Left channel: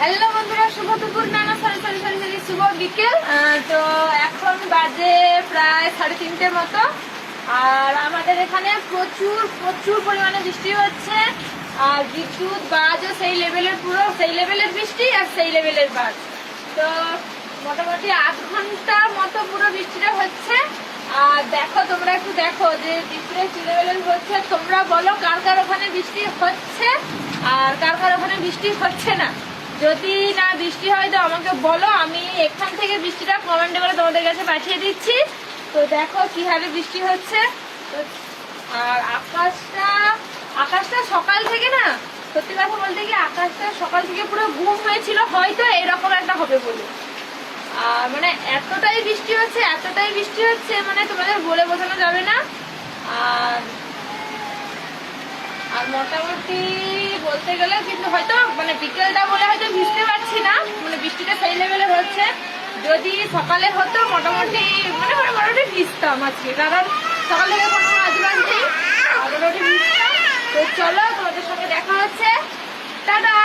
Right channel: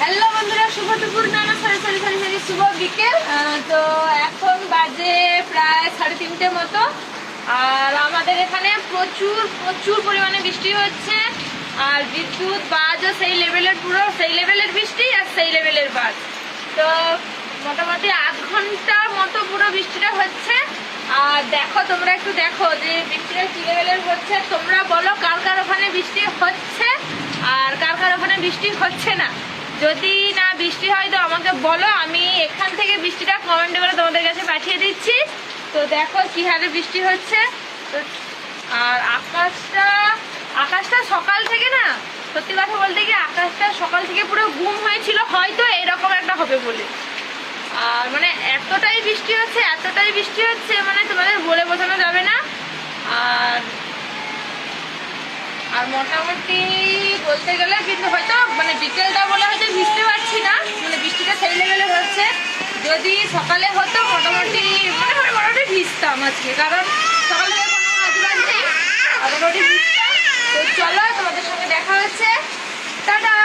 Hello বন্ধুরা, শুভ দুপুর না সরি শুভ বিকেল। তো এখন বাজে প্রায় 3:30 মতো। আর আমাদের এখানে প্রচুর প্রচুর পরিমাণে বৃষ্টি হচ্ছে। আর বিদ্যুৎ বাজও সেই লেভেলের, পুরো সেই লেভেলের বৃষ্টি আর সেই লেভেলের বাজ। তো মোটামুটি 8 ঘন্টার মতো পুরো বৃষ্টিটা হচ্ছে। আর দেখো, তোমরা একটু দেখো যে বৃষ্টিটা কি লেভেলের হচ্ছে। তোমরা বলো কার কার ওখানে বৃষ্টি হচ্ছে আর কার কার ওখানে বৃষ্টি হচ্ছে না। যদি না বৃষ্টি হয় তো আমাকে বলো, আমি এখান থেকে বৃষ্টিটা কমেন্টে করে তোমাদের কাছে পাঠিয়ে দিচ্ছি। তো দেখো কি হারে বৃষ্টি হচ্ছে। আর আকাশটা সকাল থেকে না, সত্যি কথা বলতে কি আকাশটা সকাল থেকে পুরো গুম হয়েছিল, হয়তো এরকম একটা হবে বলে। আর মানে এতটাই বৃষ্টি হচ্ছে মানে তোমাদের বলে বোঝানো যাবে না। আর মোটামুটি বলতে গেলে কিন্তু হয়তো মানে বিকেলটা বলে হয়তো ভিজতে পারছি না, মানে বৃষ্টিটা সেই লেভেলে হচ্ছে। যদি সকালে হতো মোটামুটি ভিজতাম আজকে, কারণ সকাল থেকে কোনো কাজ নেই, মোটামুটি ভিজতাম। তো চলো, তোমাদের সঙ্গে দেখা হচ্ছে, টাটা।